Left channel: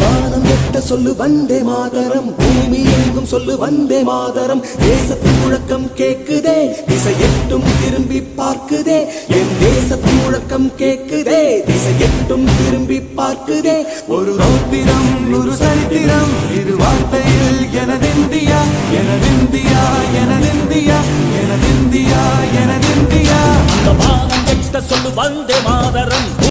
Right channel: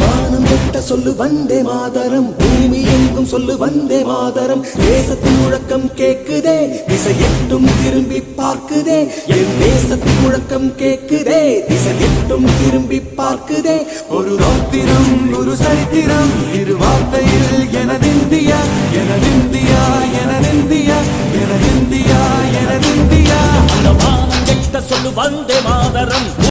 வானம் எட்ட சொல்லு வந்தே மாதரம், பூமி எங்கும் சொல்லு வந்தே மாதரம். தேசத்தின் முழக்கம் கேக்குதே, திசை எட்டும் திரும்பி பார்க்குதே. என் தேசத்தின் முழக்கம் கேக்குதே, திசை எட்டும் திரும்பி பார்க்குதே. ஒரு ரௌத்திரம் ஒரு சரித்திரம், இரு வார்த்தையில் எனதிந்தியா எனதிந்தியா எனதிந்தியா எனதிந்தியா எனதிந்தியா. அந்த வானம் எட்ட சொல்லு வந்தே மாதரம்.